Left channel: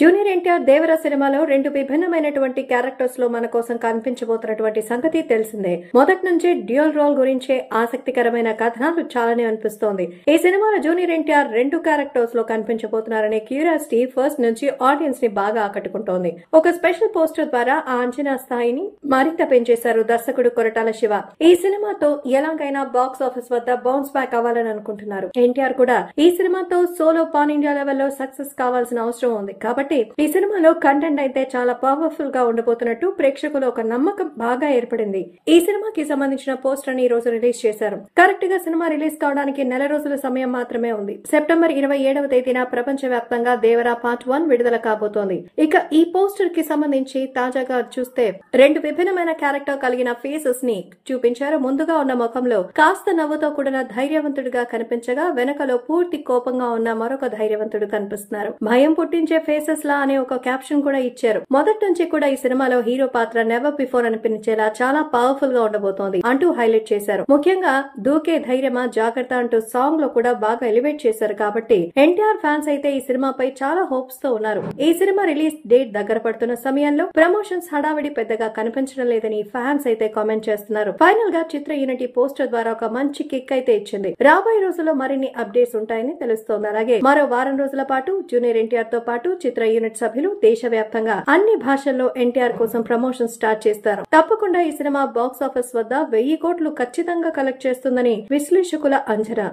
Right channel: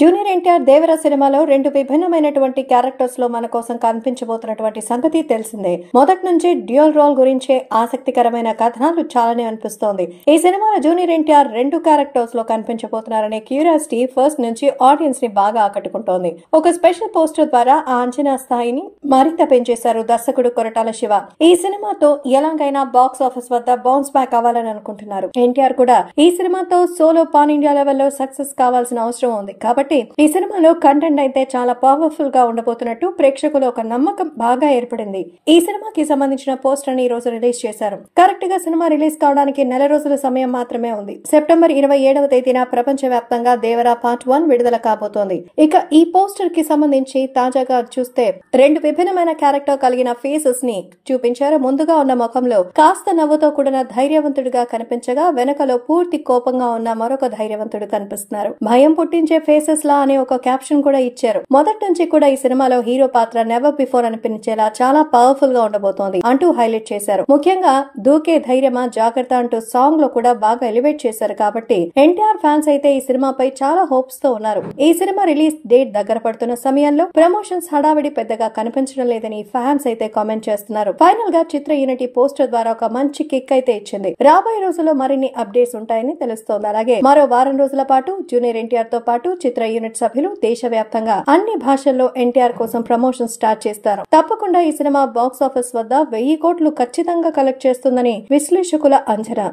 Junior NTR దేవర సినిమాలో రెండు విభిన్నమైనటువంటి characters లో మన కోసం కనిపించబోతున్నటువంటి సంగతి తెలిసిందే. మొదటి నుంచి డ్యూయల్ రోల్ గురించే ఆసక్తికరమైన కథనాలు చాలానే అనిపిస్తోంది. ఈ సినిమాలో జూనియర్ ఎన్టీఆర్ రెండు క్యారెక్టర్స్ లో కనిపించబోతున్నారనే క్యూరియాసిటీ ఫస్ట్ నుంచి ఆడియన్స్ ని బాగా ఆకట్టుకుంటోంది. ఒక స్పెషల్ పోస్టర్ ద్వారా ఆ అంచనా స్థాయిని మరింత పెంచేశారు దర్శకుడు కొరటాల శివ. ఈ సినిమాతో ఎలాగైనా బాక్స్ ఆఫీస్ వద్ద బౌన్స్ బ్యాక్ అవ్వాలని అనుకుంటున్నారు. ఎన్టీఆర్ కూడా ఈ సినిమాతో సోలో పాన్ ఇండియా లెవెల్లో సక్సెస్ కావాల్సిన అవసరం ఉంది. కాబట్టి ఈ సినిమాలో కంటెంట్ అయితే చాలా పవర్ఫుల్ గా ఉండబోతున్నట్టు ప్రేక్షకులు ఒక నమ్మకం బాగా ఏర్పడింది. ఈ సినిమాకి సంబంధించిన పోస్టర్ ని ఈ రోజు రిలీజ్ చేశారు. కరెక్ట్ గా సినిమా రిలీజ్ కావడానికి నెల రోజుల సమయం మాత్రమే ఉంది. సెప్టెంబర్ 27వ తేదీన ప్రపంచ వ్యాప్తంగా దేవరా పార్ట్ 1 విడుదల కాబోతోంది. ఇక ఈ పోస్టర్ కి సంబంధించి తాజాగా చూస్తే రెండు విభిన్నమైన క్యారెక్టర్ కలిగిన ఫేసెస్ ని చూపించారు. ముందుగా ఉన్న ముఖంలో కాస్త నవ్వుతో కూడిన ధైర్యవంతుడిగా కనిపించగా, వెనకలో పూర్తి కోపంగా ఉన్న మరొక ధైర్యవంతుడు కనిపిస్తున్నారు. భయం పుట్టించే ఫేసెస్ లా అనే ఒక క్యాప్షన్ కూడా ఇచ్చారు. మొదటి నుంచి కూడా ఈ సినిమాలో హీరో పాత్ర నెవర్ బిఫోర్ అనిపించేలా చాలా పవర్ఫుల్ గా ఉండబోతోంది అంటూ హైలైట్ చేశారు. ముఖ్యంగా దూకే ధైర్యమా జాగ్రత్త అంటూ సాంగ్ లో కూడా బాగా ఎలివేట్ చేశారు. కాబట్టి ఎన్టీఆర్ ఫ్యాన్స్ అయితే ఈ సినిమాపై చాలా హోప్స్ తో ఉన్నారు. ఈ సినిమా రిలీజ్ డేట్ దగ్గర పడుతున్న సమయంలో ప్రమోషన్స్ హడావిడి పెద్దగా కనిపించడం లేదని ఫ్యాన్స్ అయితే కామెంట్ చేస్తున్నారు. ఫైనల్ గా చిత్ర యూనిట్ పోస్టర్ ద్వారా ఒక మంచి కిక్ అయితే ఇచ్చింది. రాబోయే రోజుల్లో మరిన్ని అప్డేట్స్ ఉంటాయని తెలుస్తోంది. అలాగే మరో వారం రోజుల పాటు జూనియర్ ఎన్టీఆర్ తో పాటు చిత్ర యూనిట్ సభ్యులు దేశవ్యాప్తంగా అన్ని భాషల్లో ఎన్టీఆర్ కోసం ప్రమోషన్ స్టార్ట్ చేస్తారు. తప్పకుండా ఈ సినిమా బాక్స్ ఆఫీస్ వద్ద 1000 కోట్లు ఖచ్చితంగా కలెక్ట్ చేస్తుందని విశ్లేషకుల అంచనా.